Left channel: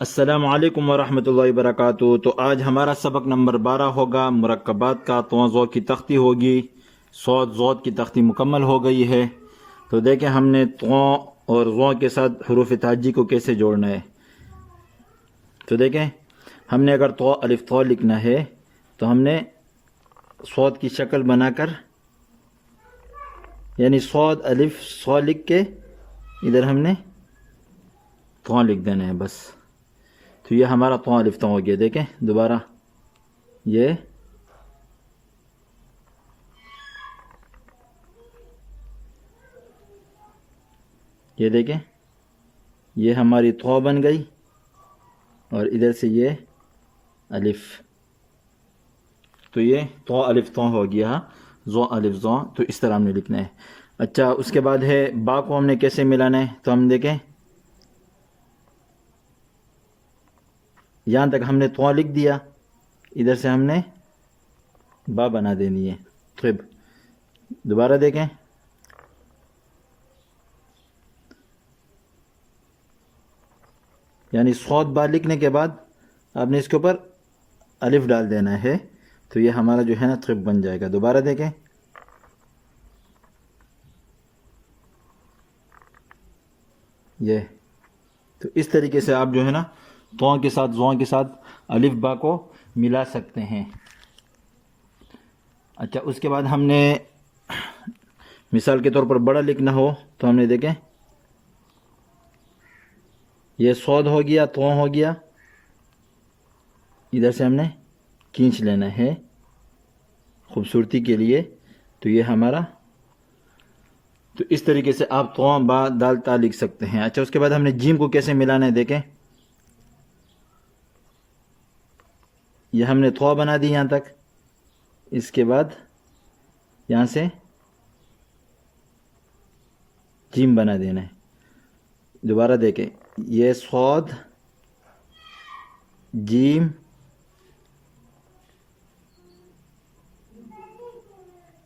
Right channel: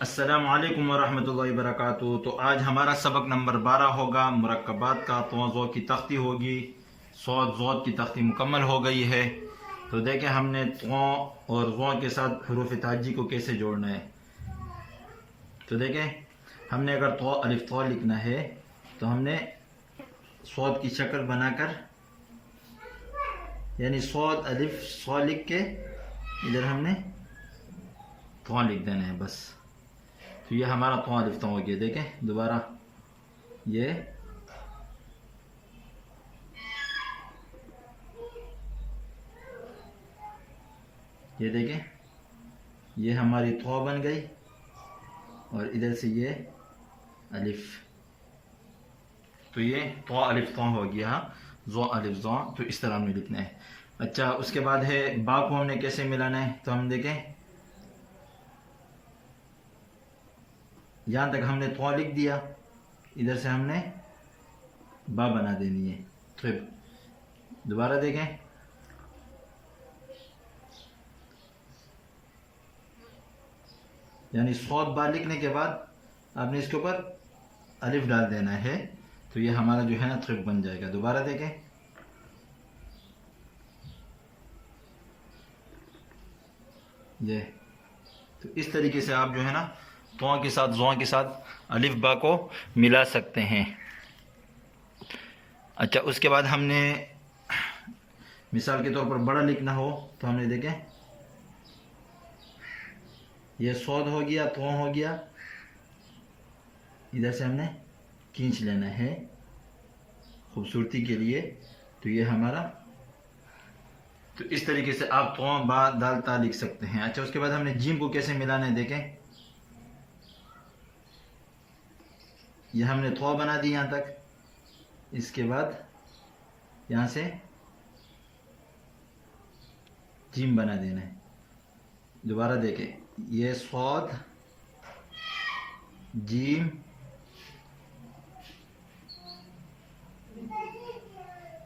السلام علیکم ورحمۃ اللہ وبرکاتہ۔ تو آج ہمارا سبق نمبر 12 ہوگا مرکبات کا۔ تو کی تختی ہوگی، ضاد کی تختی مکمل ہو گئی ہے۔ تو دیکھیں ہم نے تو اور ضو کے ساتھ حروف تہجی کو کیسے جوڑنا ہے۔ تو دیکھیں ہم نے اگر تو الف تو لکھنا ہے تو ہم نے صاد کی شکل بنا کر، یعنی صاد الف صا لکھ کے ادھر ہم نے تو لکھ دینا ہے بس۔ تو یہ ہمارا تو الف تو ہو گیا۔ دیکھیں دوبارہ یہ دیکھیں یہ ہماری تو بن گئی اور ادھر سے یہ الف، تو یہ تو الف تو ہو گیا، ضو الف ضو۔ تو اس طرح ہم نے لکھنا ہے۔ اچھا اس کے بعد ہے با کو ہم نے کیسے ملانا ہے۔ تو ہم دیکھیں یہاں تک ہم نے تو لکھ دیا، ادھر سے ہم نے با بنا دینی ہے۔ طب دوبارہ دیکھیں یعنی صاد با لکھنے کے بعد آپ نے اس کے اوپر الف ڈال دینا ہے، تو یہ ہمارا جو ہے نا طب بن جائے گا۔ دوبارہ دیکھیں یہ، تو اس طریقے سے آپ جو ہے نا تو کے ساتھ ضو کے ساتھ الف با کو ملا سکتے ہیں۔ اچھا اس کے بعد ہم نے مثال کے طور پر بڑا لکھنا ہو تو ہم نے دیکھیں یہ صاد ہو گیا، تو ہو گیا، ادھر سے ہم نے کھینچ لینا ہے خوبصورتی کے لیے۔ تو یہ ہمارا، تو اس طریقے سے آپ تو با دال تا لکھ سکتے ہیں۔ اچھا اس کے بعد ہم نے جیم کو کیسے ملانا ہے۔ دیکھیں یہ ہم نے تو بنا دی یہاں تک، اس کے بعد یہاں سے جیم بنا دینا ہے۔ دوبارہ دیکھیں یہ صاد جیم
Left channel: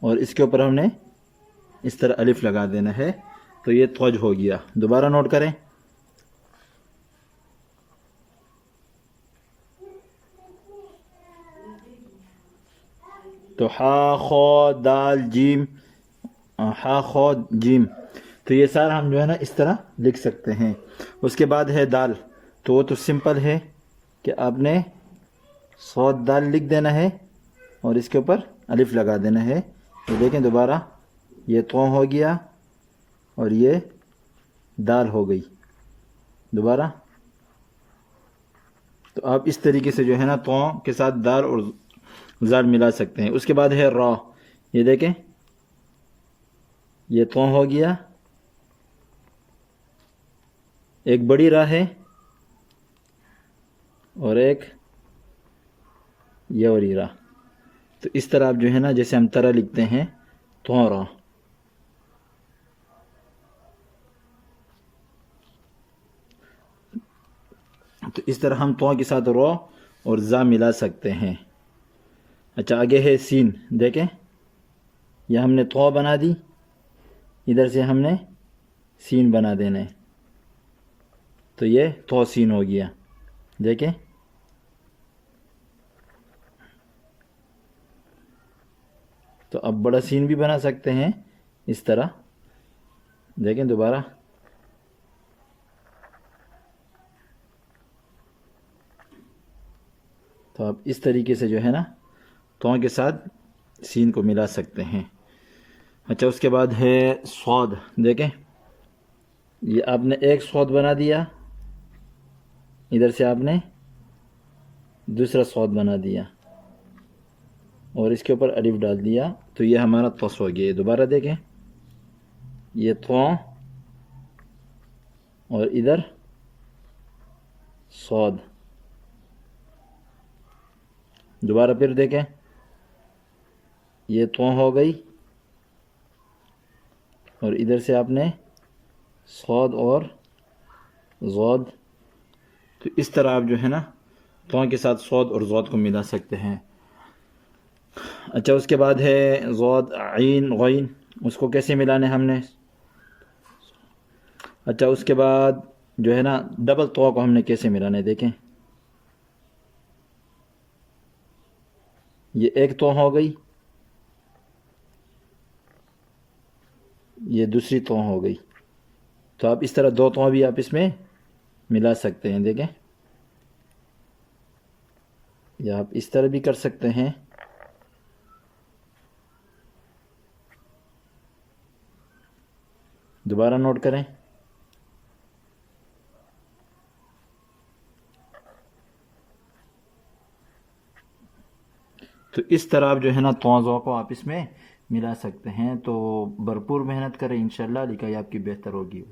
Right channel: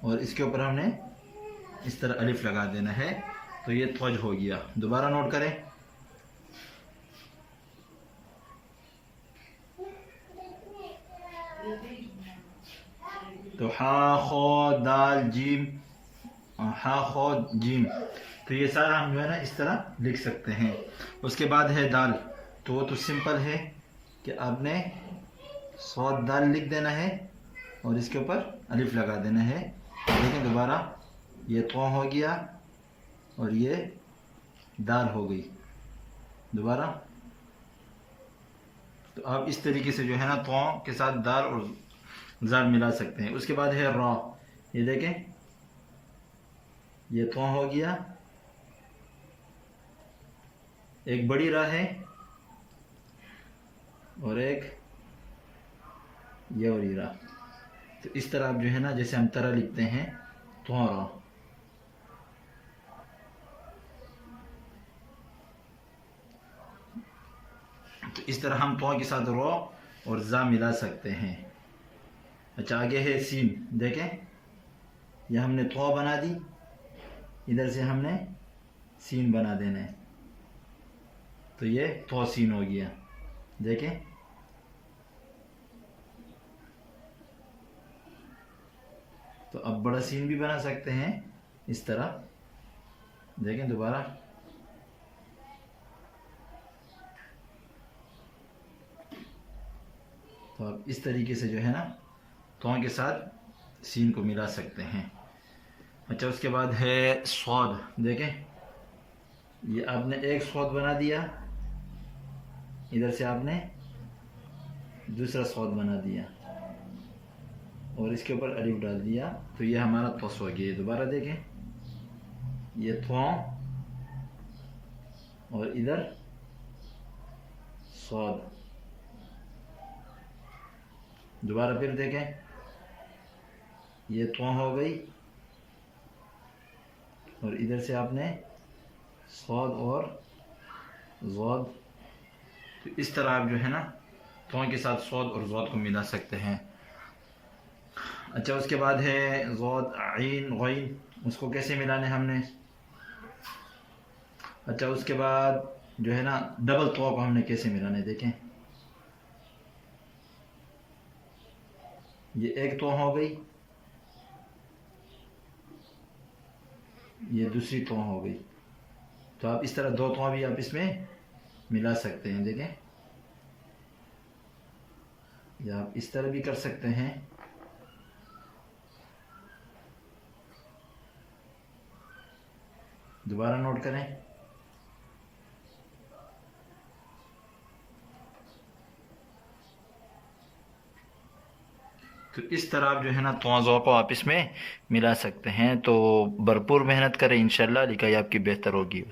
اور اس کے اوپر ہم نے اس طرح الف لگا دینا ہے، تو یہ توج ہو گیا۔ دوبارہ نوٹ کریں تو ہا خو دال جیم، ہا خو جیم، تو یہ سارا ہم جو ہے نا اس طرح لکھ سکتے ہیں۔ اس کے بعد ہے دال، تو وہ تو سمپل ہے کہ آپ نے صاد دال لکھ دینا ہے اور اس کے اوپر الف لگا دینا ہے۔ تو دیکھیں دوبارہ یہ تو ہو گیا اور یہ دال ہو گئی۔ دوبارہ تو آپ اس طریقے سے جو ہے نا تو کے ساتھ دال اور زال ملا سکتے ہیں۔ اس کے بعد ہے را، یہ دیکھیں یہ تو ہو گیا، ایک بڑی راہ ہے اور ایک یہ وری راہ۔ تو اس طرح آپ جو ہے نا جیسے ہم طرح لکھتے ہیں تو را، تو اس طرح ہم تو کے ساتھ رو اور زا ملا سکتے ہیں۔ اچھا آگے ہے سین، دیکھیں یہ ہم نے تو بنا دی، ادھر سے ہم نے سین بنا دینا ہے، تو یہ تو سین ہو گیا۔ دیکھیں تو اب بڑا سین بھی بنا سکتے ہیں اس طرح۔ دیکھیں دوبارہ تو آپ اس طریقے سے جو ہے نا تو کے ساتھ سین کو ملا سکتے ہیں۔ اچھا اس کے بعد ہے صاد، دیکھیں یہ آپ نے ایک صاد بنا دیا، ادھر سے آپ نے دوسرا صاد بنا دیا اور اس کے اوپر الف ڈال دیا، تو یہ ہمارا توس ہو گیا۔ دوبارہ دیکھیں یہ تو اور ادھر صاد۔ دوبارہ پھر دیکھیں یہ تو ہو گئی اور ادھر سے آپ نے صاد اور ضاد، تو اس طرح آپ جو ہے نا تو کے ساتھ صاد اور ضاد کو ملا سکتے ہیں۔ اچھا اس کے بعد ہے ضاد عین غین، اس کو کیسے ملانا ہے ہم نے۔ اچھا اس کے بعد جو ہے نا ڈبل تو کو ہم نے کیسے ملانا ہے دیکھیں. یہ ایک تو ہو گئی, یہ دوسری تو ہو گئی. تو آپ اس طرح دو تو بھی آپ اس میں ملا سکتے ہیں. دیکھیں یا آپ اس طرح بھی کر سکتے ہیں. دوبارہ نوٹ کریں. تو اس طرح آپ جو ہے نا توازوں کو آپ اس میں ملا سکتے ہیں. تو بھرپور محنت کریں انشاءاللہ, لکھائی آپ کی بہتر ہوگی.